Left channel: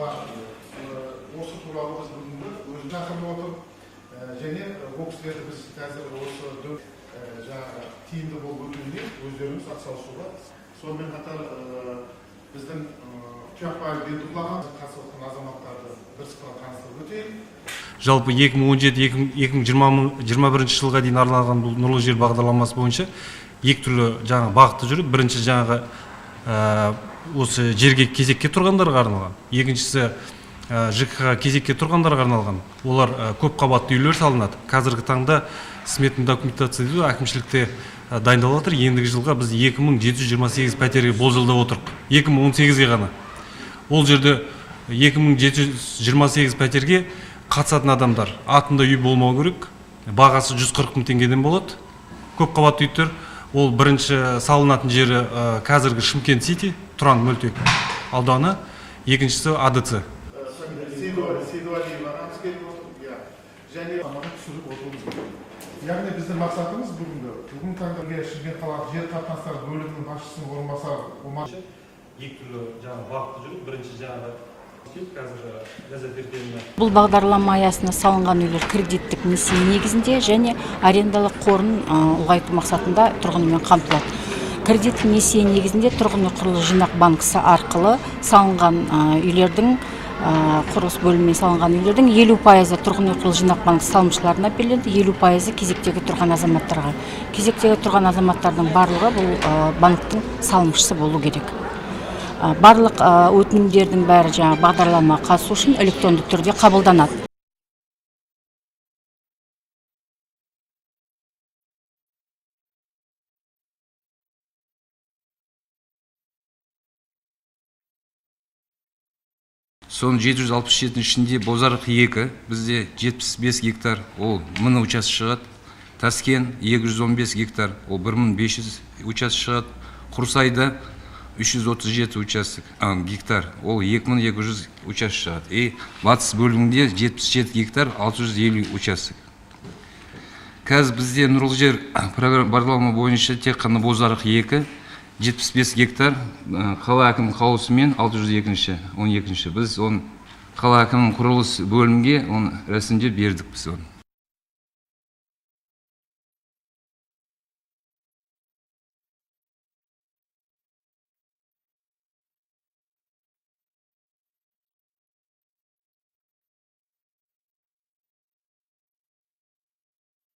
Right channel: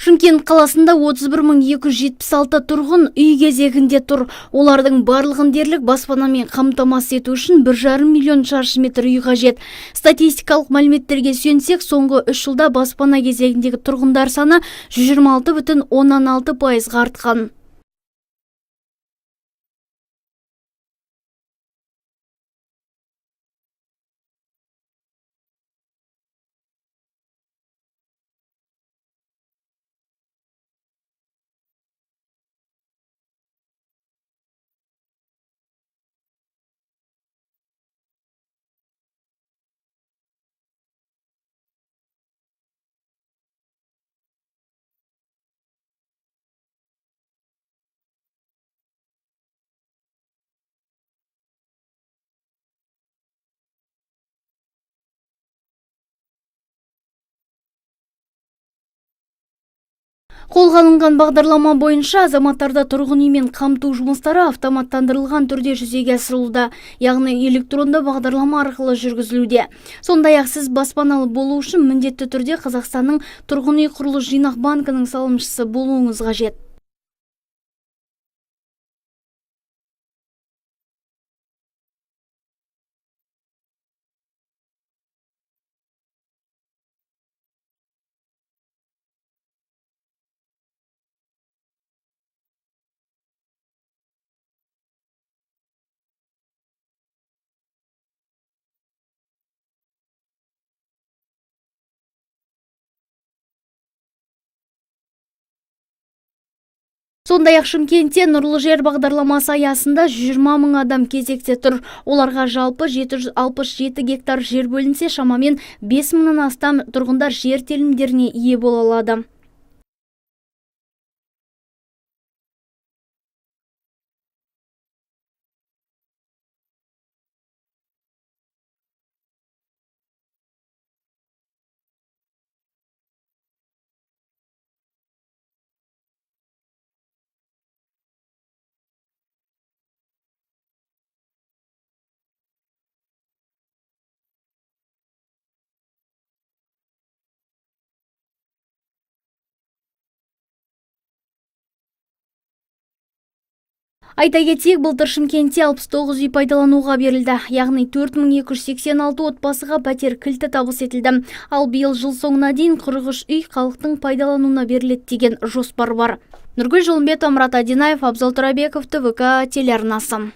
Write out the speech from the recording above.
Шымкент қаласында 31.276 тұрғын үй кезегінде тұр. Олардың барлығын дерлік баспанамен қамтамасыз ету үшін 1,5 миллион шаршы метр үй қажет. Статистикалық мәліметтерге сүйенсек, соңғы 3 жылда баспана кезегіндегі тұрғындар саны 126,16% артқан. Жалпы 2017-2021 жылға дейін арналған нұрлы жер бағдарламасы бойынша екі түрлі бағытта жүріп, бірінші осы жерге кезекке тұрғандарға арналған, екіншісі ЖКХ кезекке тұрғандарға арналған. Олар көп қабатты үйлер салынады. Қазіргі таңда сметный документация әкімшілікте дайындалып жатыр. Ендігі жылға біз 2728 пәтерге болжалдап отырмыз. 2018-ге ғана. Ол жерде 2728 пәтерге қатысатын адамдар атында үй болмау керек. Бағасы 140 мың теңгеден болады. Көп қабатты үйлер. Ол бірінші салынатын жері қазіргі Шымкент Сити, Тұран мөлтек ауданы, екіншісі АДЦ. Қолға алынған бағдарлама бойынша азаматтарда тұрғын үймен қамту жұмыстары автоматтандырылған түрде жүзеге асырылуда, яғни электронды бағдарлама арқылы жүргізілуде. Сондай-ақ сіз баспаналы болу үшін міндетті түрде Қазақстанның тұрғын үй құрылыс жинақ банкінің салымшысы болуыңыз қажет. Бұл бағдарлама аясында салынған үйлер кредиттік несие негізінде және арендалық қорын ұлғайту мақсатында тұрғын үймен қамтылады. Кредиттік несие негізінде тұрғын үй құрылыс жинақ банкісі арқылы салынған үйлердің құрылыс бөлімімен салынған үйлердің 50% тұрғын үй құрылыс жинақ банкі салымшыларына беріледі, 50% кезектегі тұрған азаматтарға. Кезектегі тұрған азаматтардың барлығы бұл банктың салымшысы болу керек. Барлық өтінімдердің бәрі бағдарлама қатысу үшін электронды түрде қабылданады. Сондай-ақ Шымкентте нұрлы жер бағдарламасы аясында 120 мың адам кезекте тұр. Оларға жалпы 767 гектар жер бөлінсе, шамамен 5 мыңнан астам тұрғындар жер телімдеріне ие бола алады. Соның 767 ішінде Бозарық 2, бізде 75 гектар, ол 1000 участок шығады. Таскен 215 гектар, ол 1500 участок шығады. Құрсайда 337 гектар, ол 2200 участок шығады. И батыс бөлігінде 77 гектар, 650 участок. Қазір бізде нұрлы жер бағдарлама бойынша тек қана Бозарық 2, 75 гектар, қала әкімінің қаулысымен 602-12. Біз қала әкімінің құрылыс бөлімге рәсімдеп бердік біз оны. Айта кетейік, былтыр Шымкентте 69 үй пайдалануға берілді, яғни 4286 отбасыға пәтер кілті табыс етілді. Ал биыл жыл соңына дейін 43 үй халықтың пайдалануына беріледі деген жоспар бар. Нұргүл Жолымбетова, Мұрат Адинаев, Абзал Тұрабеков, ТВК телеарнасы.